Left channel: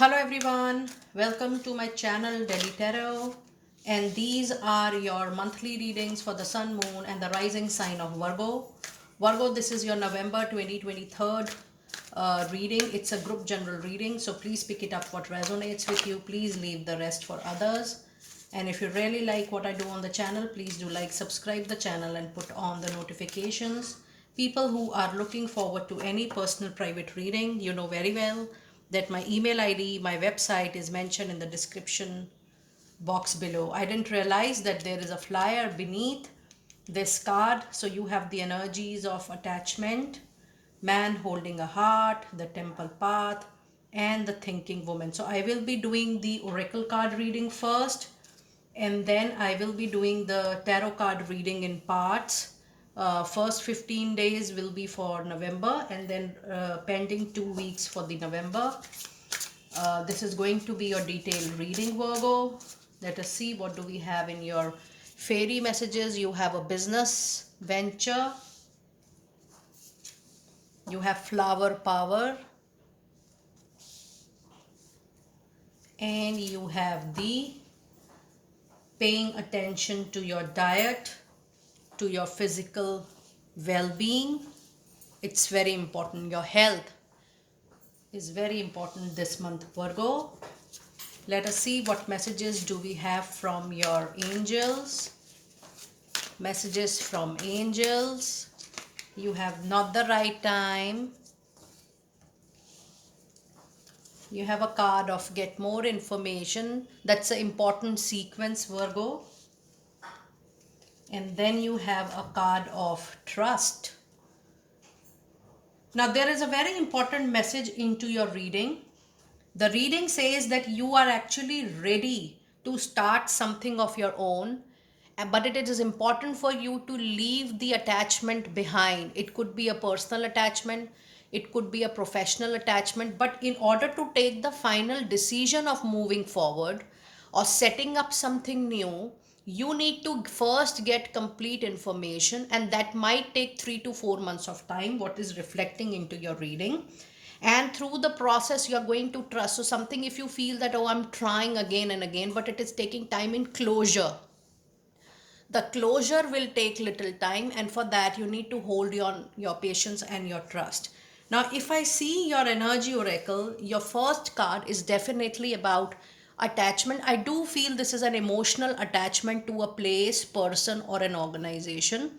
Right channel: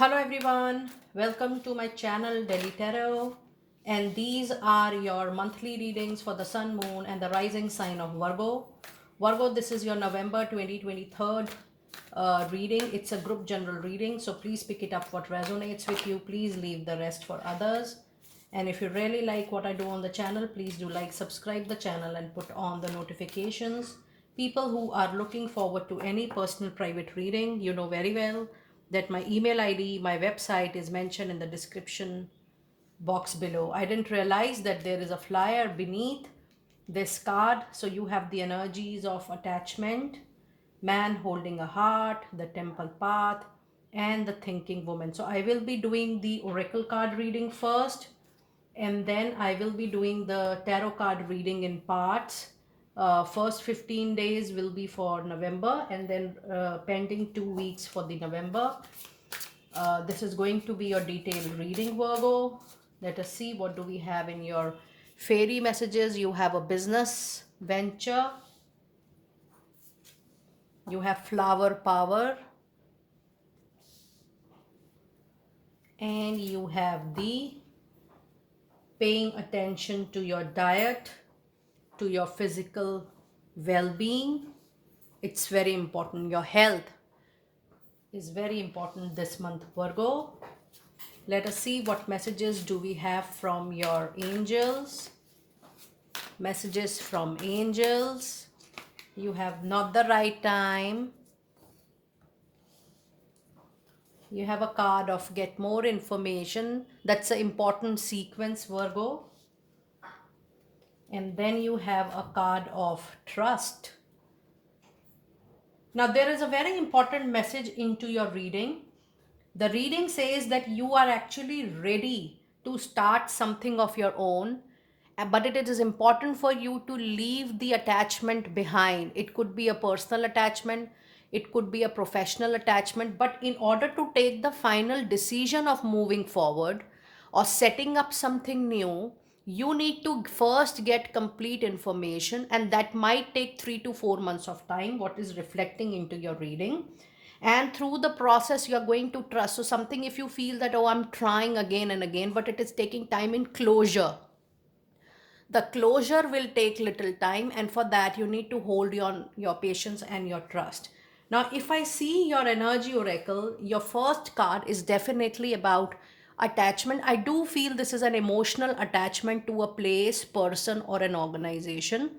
Hello everyone, welcome to my channel Delhi Tarot, and these are your monthly readings for the Sun, Moon and the rising sign of Virgo. Virgo, this is your November 2023 reading. It's a group general reading, so please pick it up what resonates with you. Please leave the rest for others. And if you really like what I do on the channel, please do like, subscribe the channel and put on the notifications. People who are looking forward to any personal private reading, you know very well that my email ID, my website is mentioned in the description box below. I didn't realize that there is a flyer beneath this card. So you have the energies of attachment, man holding a heart, the temple path, and the thinking woman. So I will be doing the oracle card reading first, and then I will be doing the tarot card reading in parts. First 15 days will be for November, and then pending 2 weeks for the November. This is going to be your detailed reading, Virgo. Let us see what do we have in your fairy messages. You have a business venture. You have flower power. And you have the paying attention to your diet, to your physical well-being. It's very important. Your health is very important this month, Virgo. Let us see what messages do we have from your angels. Messages from angels. You have not the right time. You have a card of get more information. That's an important sequence, Virgo. And then you have a card of trust. Now there is a very important message into your reading. The reading says that you are actually ready to start something of your own, but it is important for you to leave the attachment behind. It could be a personal attachment, it could be a professional attachment, but in order to take the final decision of moving forward or setting up something new, you need to first get complete information, and that might take 3 to 4 months of time, what is reflecting into your reading. And through the process you are going to trust. So something, if you feel that, oh, I'm trying again and again, but it is taking time in closure, the closure will take little time, and for that you need to hold your patience and your trust. Now if I see your energy oracle, your first card is definitely about attachment. I do feel this is an emotional attachment to a place, person or an organization,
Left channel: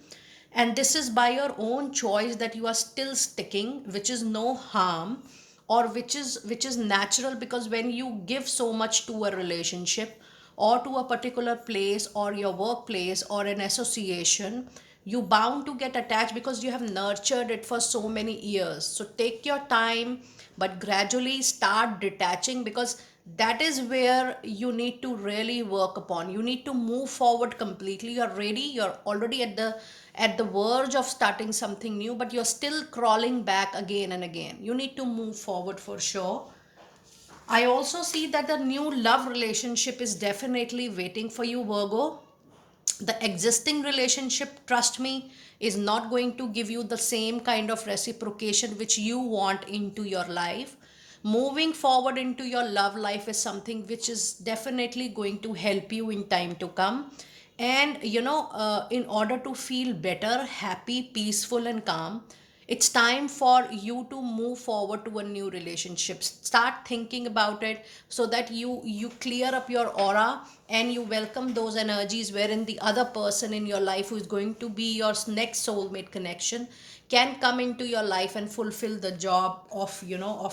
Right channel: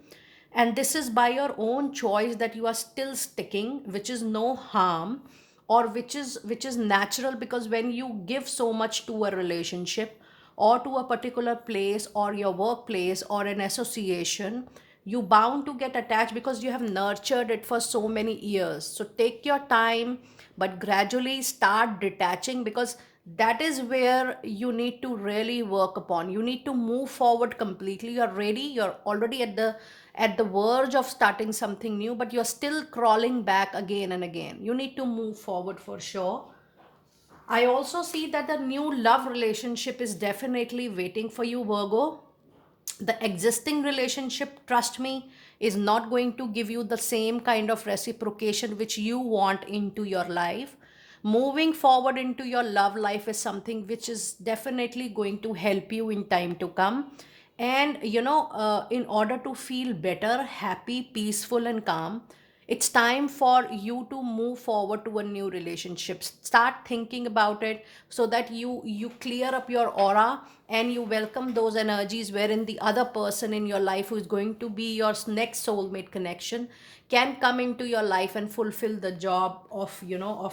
and this is by your own choice that you are still sticking, which is no harm, or which is natural, because when you give so much to a relationship or to a particular place or your workplace or an association, you bound to get attached because you have nurtured it for so many years. So take your time, but gradually start detaching, because that is where you need to really work upon. You need to move forward completely. You're ready, you're already at the verge of starting something new, but you're still crawling back again and again. You need to move forward for sure. I also see that the new love relationship is definitely waiting for you, Virgo. The existing relationship, trust me, is not going to give you the same kind of reciprocation which you want into your life. Moving forward into your love life is something which is definitely going to help you in time to come. And in order to feel better, happy, peaceful and calm, it's time for you to move forward to a new relationship. Start thinking about it, so that you clear up your aura and you welcome those energies wherein the other person in your life, who is going to be your next soulmate connection, can come into your life and fulfill the job of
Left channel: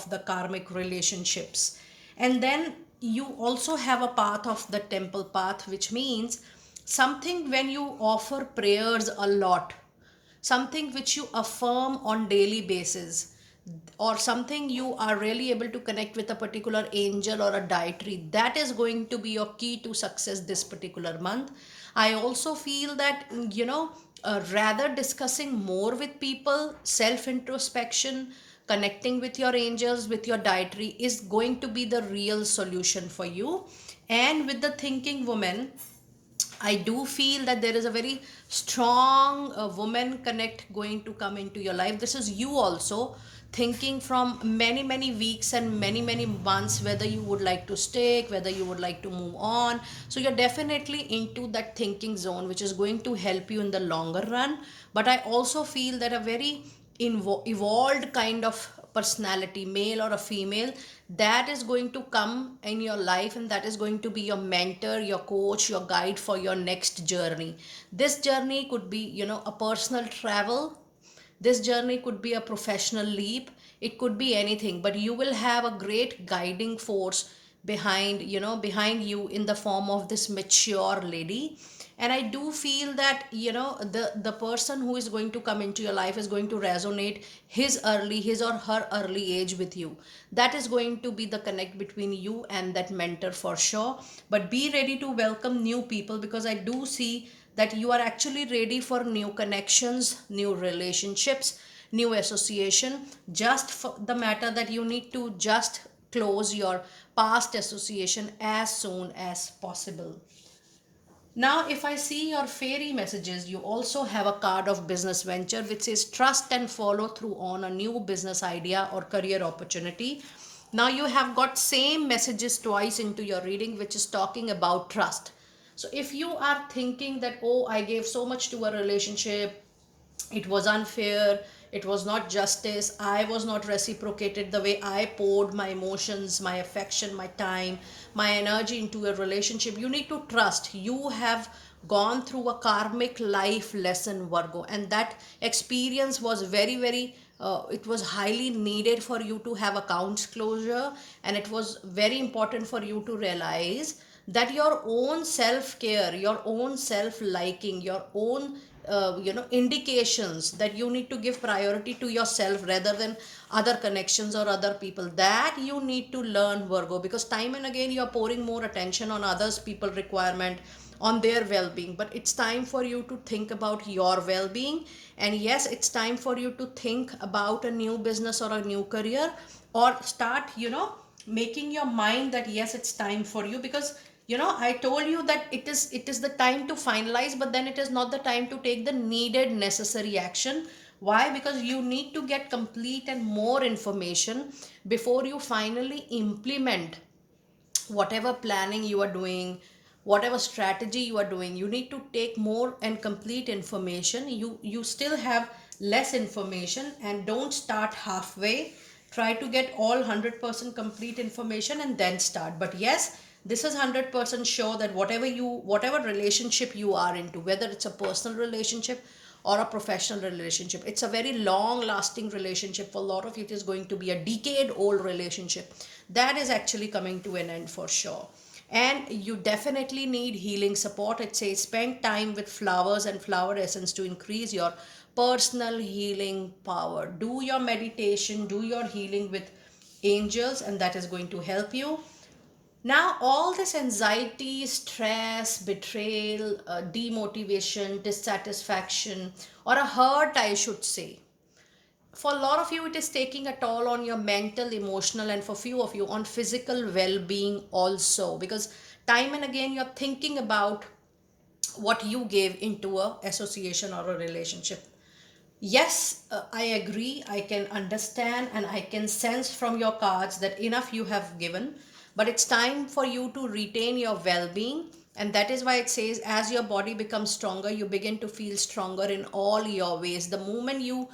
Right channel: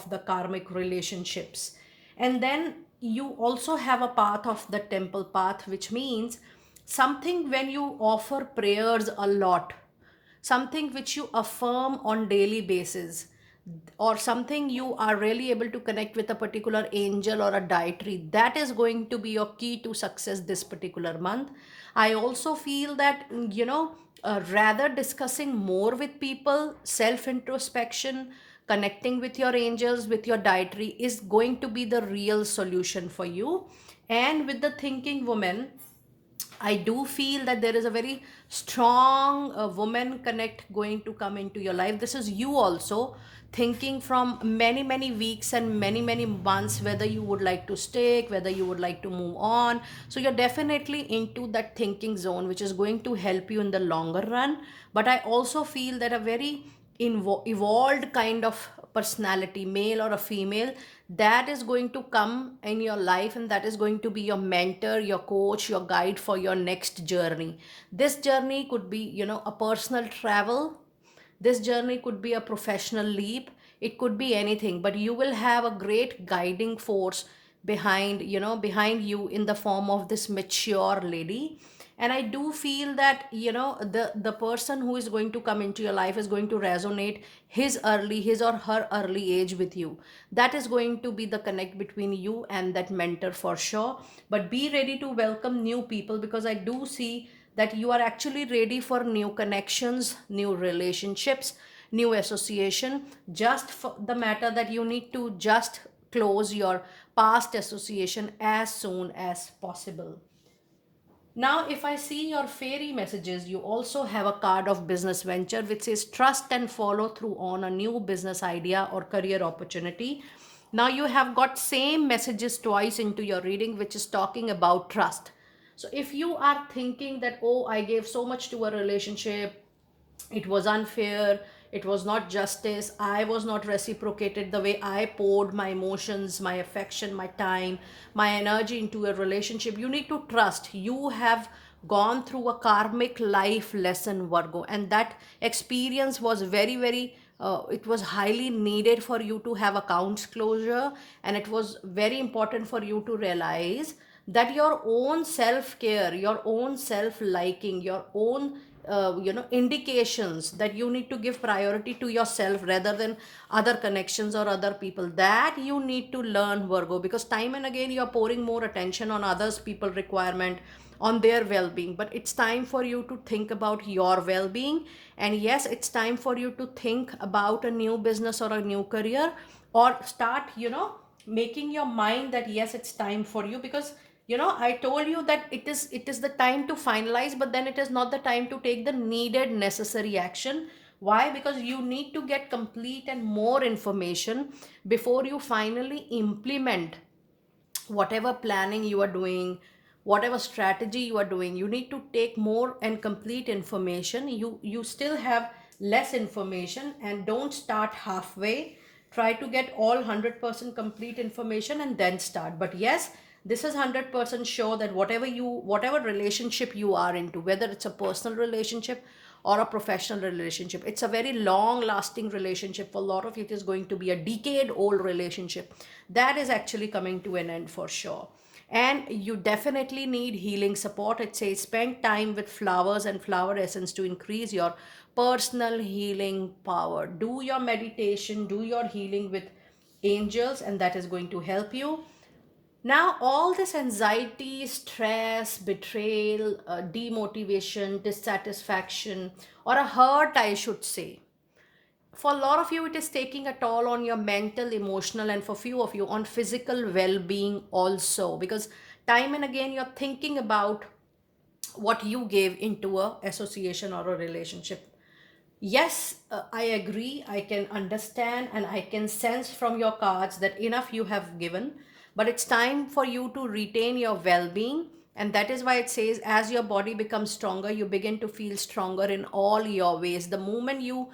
the karmic relationships. And then you also have a path of the temple path, which means something when you offer prayers a lot, something which you affirm on daily basis, or something you are really able to connect with a particular angel or a dietary, that is going to be your key to success this particular month. I also feel that rather discussing more with people, self introspection, connecting with your angels, with your dietary, is going to be the real solution for you. And with the thinking woman, I do feel that there is a very strong woman connect going to come into your life. This is you also. thinking from many weeks and many months whether you would like to stay, whether you would like to move on. So you're definitely into that thinking zone, which is going to help you in the longer run. But I also feel that a very evolved kind of personality, male or a female, that is going to come in your life, and that is going to be your mentor, your coach, your guide for your next journey. This journey could be, a personal travel. This journey could be a professional leap. It could be anything, but you will have a great guiding force behind you in the form of this mature lady. And I do feel that, the person who is going to come into your life is going to resonate his or her early age with you. That is going to be the connect between you and that mentor for sure. But be ready to welcome new people, because I do see that you are actually ready for new connections, new relationships, new association. Just for the matter that you need to just close your past association as soon as possible. Now, if I see your fairy messages, you also have a card of business venture which says trust and follow through on a new business idea or career opportunity. Now, you have got same messages twice into your reading, which is talking about trust. So, if you are thinking that, oh, I gave so much to a relationship, it was unfair, it was not justice, I was not reciprocated the way I poured my emotions, my affection, my time, my energy into a relationship, you need to trust. You have gone through a karmic life lesson, Virgo, and that experience was very it was highly needed for you to have accounts closure, and it was very important for you to realize that your own self care, your own self liking, your own indications that you need to give priority to yourself rather than other connections or other people, that you need to learn, Virgo, because time and again you are pouring more attention on others people requirement, on their well-being. But it's time for you to think about your well-being. And yes, it's time for you to think about a new business or a new career, or start making your mind that yes, it's time for you. Because I told you that it is the time to finalize, but then it is not the time to take the needed necessary action. Why? Because you need to get complete and more information before you finally implement whatever planning you are doing, whatever strategy you are doing. You need to take more and complete information. You still have less information, and don't start halfway. Try to get all 100% complete information and then start. But yes, this is 100% sure that whatever relationship you are into, whether it's a personal relationship or a professional relationship, it's a very long lasting relationship. For a lot of it is going to be a decade old relationship that is actually coming to an end for sure. And you definitely need healing support. It says spend time with flowers and flower essence to increase your personal healing power. Do your meditation, do your healing with angels, and that is going to help you. Now, all this anxiety, stress, betrayal, demotivation, dissatisfaction, or a hurt, I should say, for a lot of you, it is taking a toll on your mental, emotional, and for few of you, on physical well being also. Because time and again, you're thinking about what you gave into a association or a relationship. Yes, I agree. I can understand and I can sense from your cards that enough you have given, but it's time for you to retain your well being. And that is why it says, as your body becomes stronger, you begin to feel stronger in all your ways. The moment you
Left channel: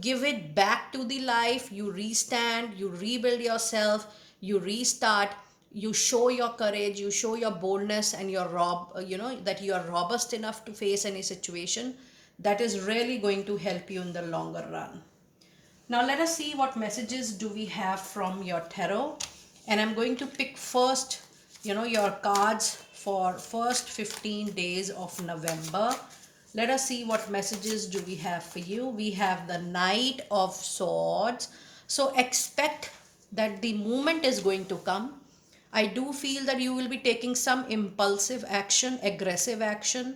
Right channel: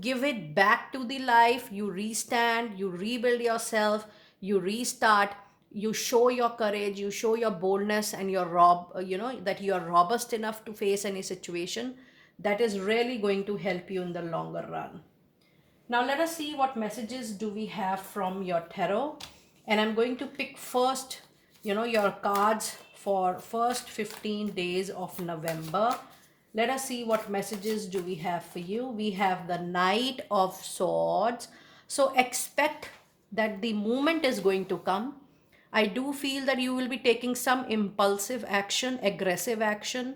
give it back to the life, you restand, you rebuild yourself, you restart, you show your courage, you show your boldness, and that you are robust enough to face any situation. That is really going to help you in the longer run. Now let us see what messages do we have from your tarot. And I'm going to pick first, your cards for first 15 days of November. Let us see what messages do we have for you. We have the Knight of Swords. So expect that the moment is going to come. I do feel that you will be taking some impulsive action, aggressive action,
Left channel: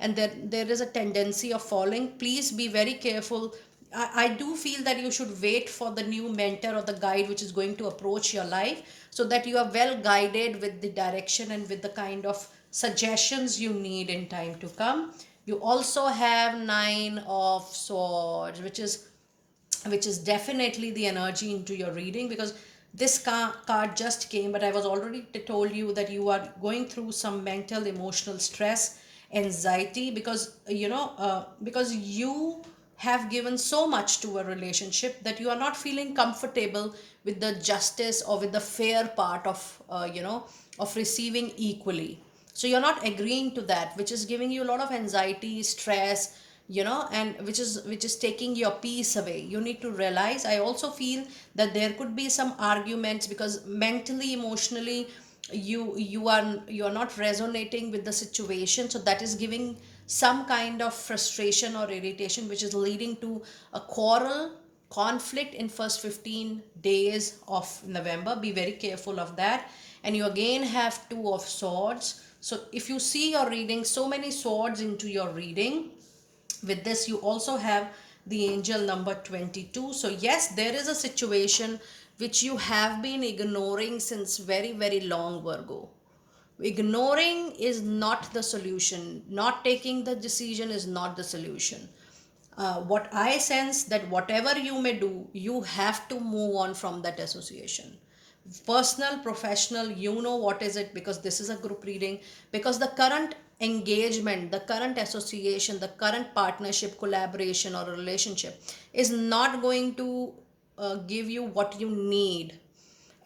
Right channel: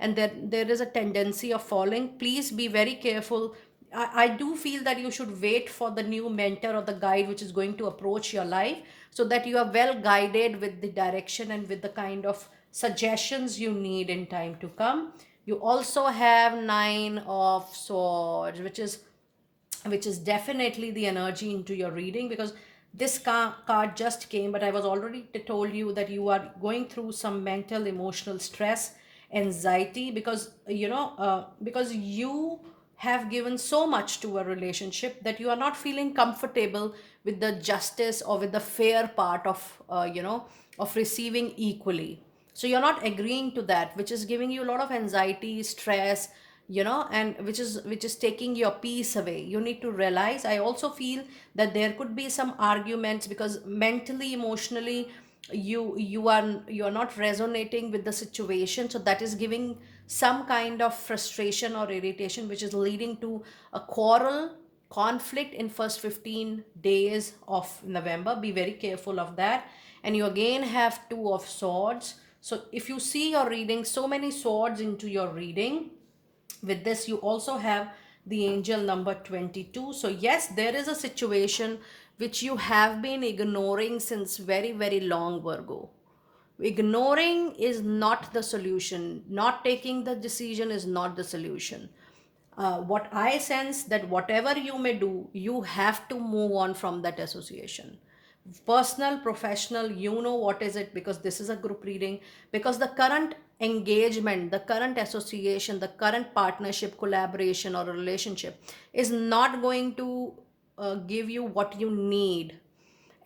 and there is a tendency of falling. Please be very careful. I do feel that you should wait for the new mentor or the guide which is going to approach your life, so that you are well guided with the direction and with the kind of suggestions you need in time to come. You also have Nine of Swords, which is which is definitely the energy into your reading, because this card just came, but I was already told you that you are going through some mental emotional stress, anxiety, because because you have given so much to a relationship that you are not feeling comfortable with the justice or with the fair part of of receiving equally. So you're not agreeing to that, which is giving you a lot of anxiety, stress, and which is taking your peace away. You need to realize, I also feel that there could be some arguments, because mentally, emotionally, you are not resonating with the situation, so that is giving some kind of frustration or irritation, which is leading to a quarrel, conflict in first 15 days of November. Be very careful of that. And you again have two of swords. So if you see your reading, so many swords into your reading. With this, you also have the angel number 22. So yes, there is a situation which you have been ignoring since very, very long, Virgo. Ignoring is not the solution. Not taking the decision is not the solution. What I sense, that whatever you may do, you have to move on from that association. Personal, professional, you know what is it, because this is a group reading. Because the current engagement, the current association, the current partnership, collaboration, or relationship is not going to give you what you need.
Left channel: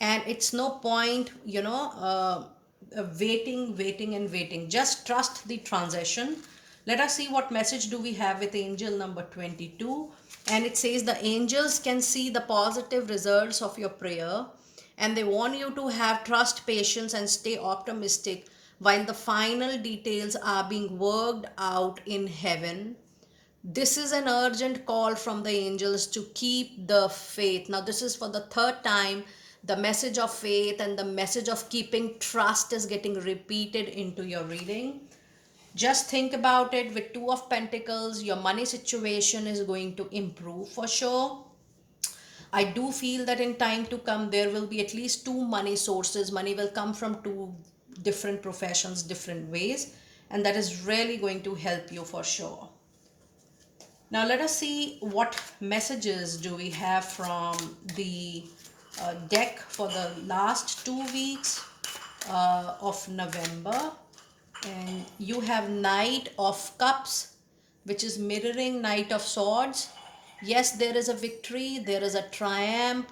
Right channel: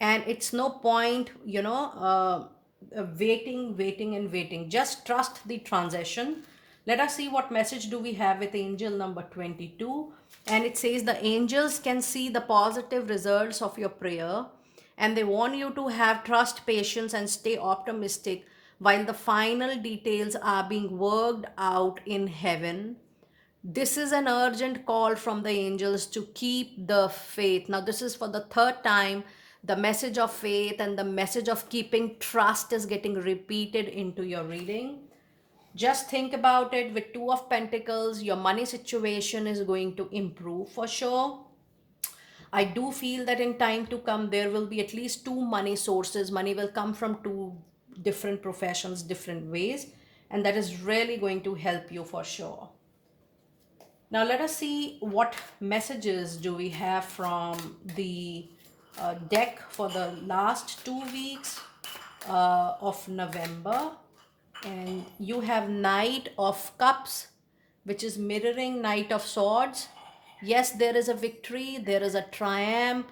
And it's no point waiting and waiting. Just trust the transition. Let us see what message do we have with angel number 22. And it says the angels can see the positive results of your prayer, and they want you to have trust, patience, and stay optimistic while the final details are being worked out in heaven. This is an urgent call from the angels to keep the faith. Now, this is for the third time. The message of faith and the message of keeping trust is getting repeated into your reading. Just think about it. With Two of Pentacles, your money situation is going to improve for sure. I do feel that in time to come, there will be at least two money sources. Money will come from two different professions, different ways, and that is really going to help you for sure. Now let us see what messages do we have from the deck for the last 2 weeks of November. And you have Knight of Cups, which is mirroring Knight of Swords. Yes, there is a victory, there is a triumph,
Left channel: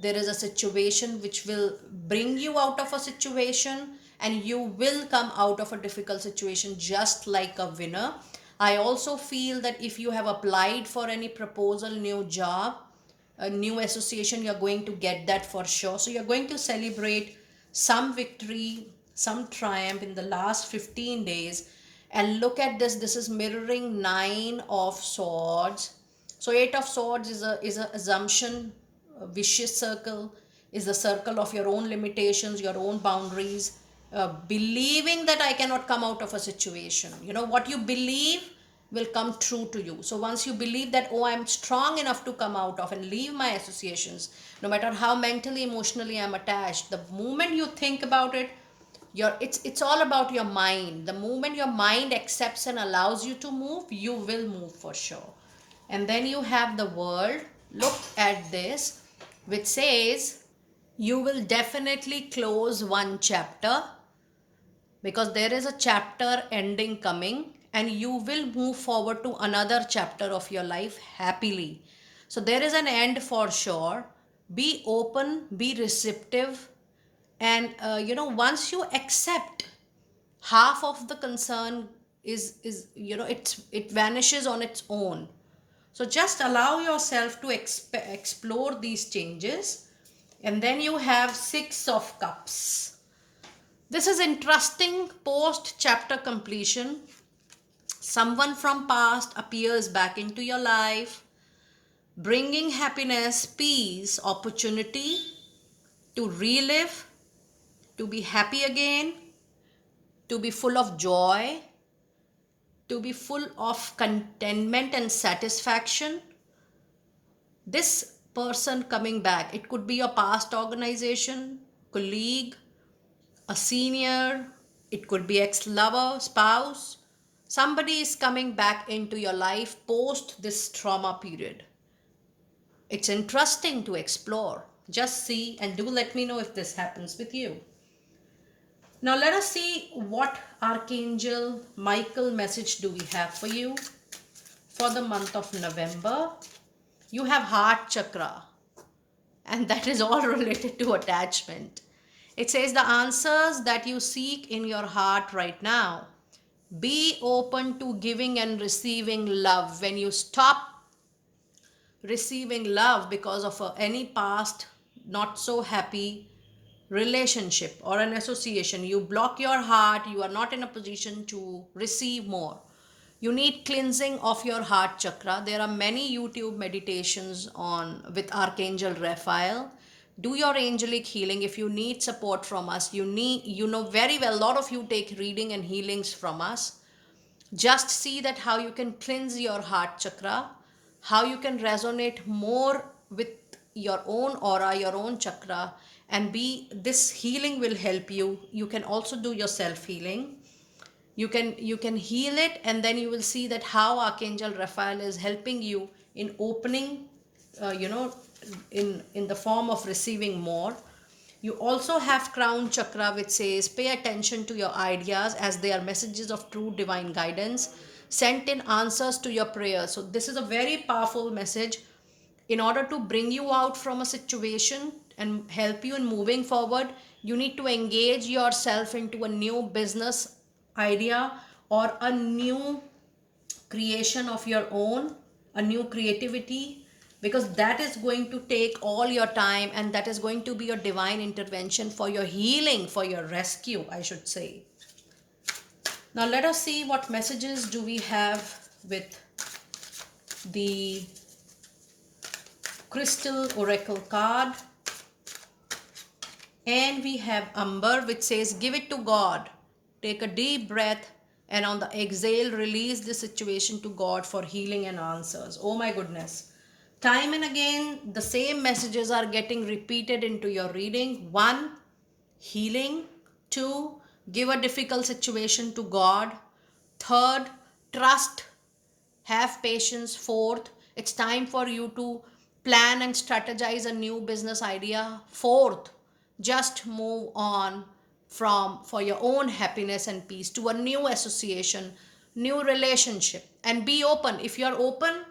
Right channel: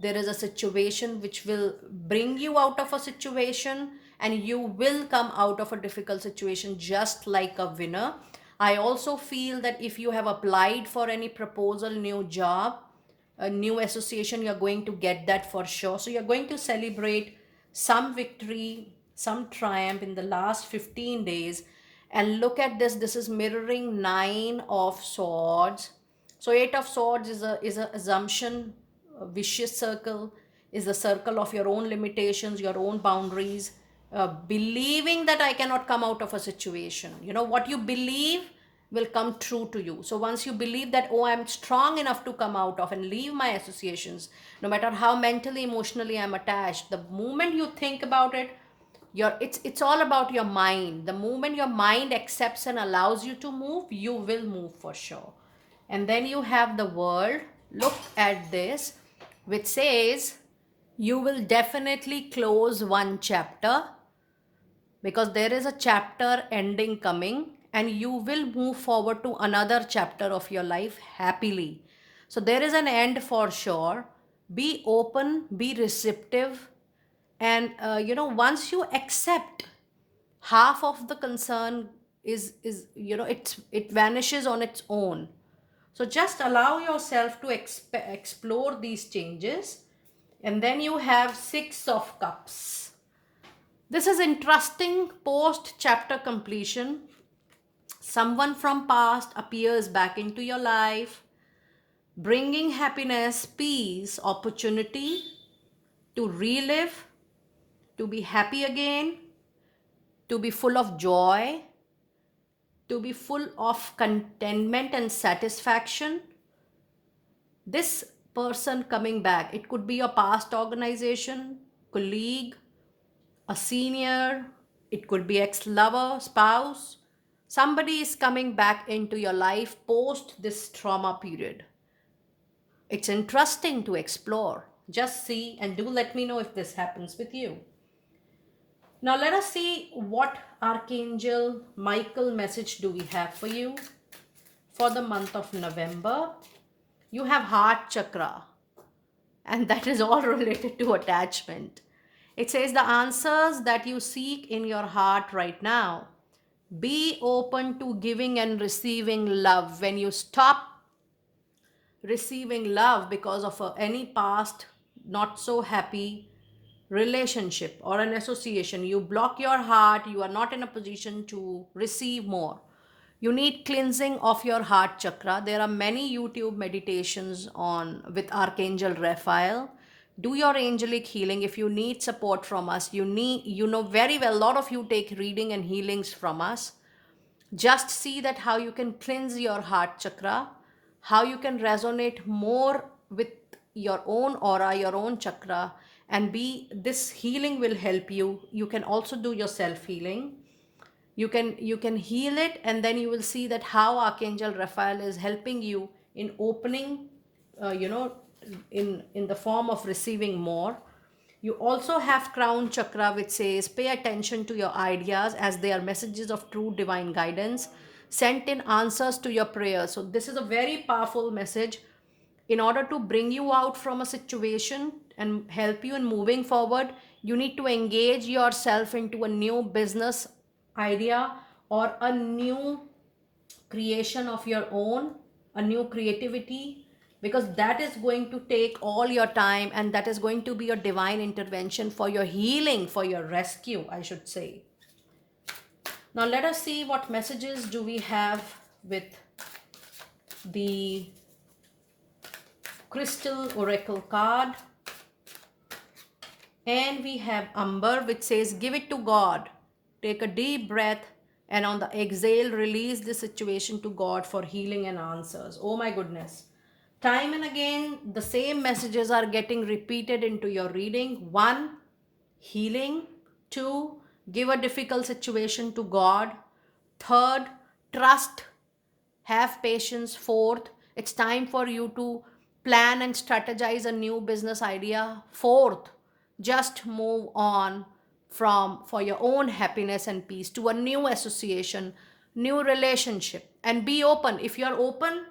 there is a situation which will bring you out of a situation, and you will come out of a difficult situation just like a winner. I also feel that if you have applied for any proposal, new job, a new association, you're going to get that for sure. So you're going to celebrate some victory, some triumph in the last 15 days. And look at this. This is mirroring Nine of Swords. So Eight of Swords is a assumption, a vicious circle, is the circle of your own limitations, your own boundaries, believing that I cannot come out of a situation. You know, what you believe will come true to you. So once you believe that, oh, I'm strong enough to come out of and leave my associations, no matter how mentally, emotionally I'm attached, the moment you think about it, it's all about your mind. The moment your mind accepts and allows you to move, you will move for sure. And then you have the World. Look at this, which says you will definitely close one chapter, because there is a chapter ending coming, and you will move forward to another chapter of your life happily. So there is an end for sure. Be open, be receptive, and once you accept, half of the concern is it vanishes on its own. So just allow yourself to explore these changes. And then you have Six of Cups. This is interesting. Post chapter completion, someone from past appears back into your life, bringing happiness, peace, opportunity to relive, to be happy again, to be full of joy, to be full of contentment and satisfaction. This person coming back, it could be a past organization, colleague, a senior, it could be ex-lover, spouse. Somebody is coming back into your life post this trauma period. It's interesting to explore. Just see and do let me know if this happens with you. Now let us see what Archangel Michael message do we have for you for the month of November. You have heart chakra, and that is all related to attachment. It says the answers that you seek in your heart right now. Be open to giving and receiving love. When you stop receiving love because of any past not so happy relationship or an association, you block your heart, you are not in a position to receive more. You need cleansing of your heart chakra. There are many YouTube meditations on with Archangel Raphael. Do your angelic healing. If you need support from us, you know very well, a lot of you take reading and healings from us. Just see that how you can cleanse your heart chakra, how you can resonate more with your own aura, your own chakra, and be this healing will help you. You can also do your self healing. You can heal it, and then you will see that how Archangel Raphael is helping you in opening, you know, in the form of receiving more. You also have crown chakra, which says pay attention to your ideas as they are messages of true divine guidance sent in answers to your prayers. So this is a very powerful message in order to bring you out from a situation and help you in moving forward. You need to engage yourself into a new business idea or a new creation of your own, a new creativity, because that is going to take all your time, and that is going to be a divine intervention for your healing, for your rescue, I should say. Now let us see what messages do we have with the Crystal Oracle card. And we have Amber, which says give it to God. Take a deep breath, and on the exhale, release the situation to God for healing and answers. Oh my goodness. Time and again, the same messages are getting repeated into your reading. 1, healing. 2, give a difficult situation to God. 3rd, trust, have patience. 4th, it's time for you to plan and strategize a new business idea. 4th, just move on from for your own happiness and peace to a new association, new relationship, and be open. If you are open,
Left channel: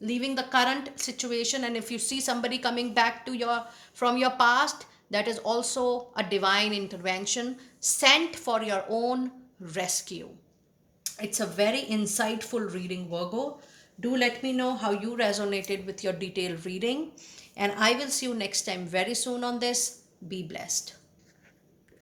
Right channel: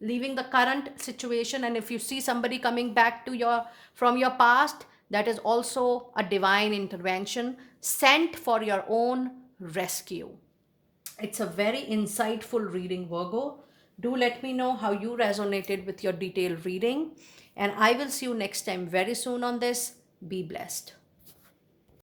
leaving the current situation, and if you see somebody coming back to your from your past, that is also a divine intervention sent for your own rescue. It's a very insightful reading, Virgo. Do let me know how you resonated with your detailed reading, and I will see you next time very soon on this. Be blessed.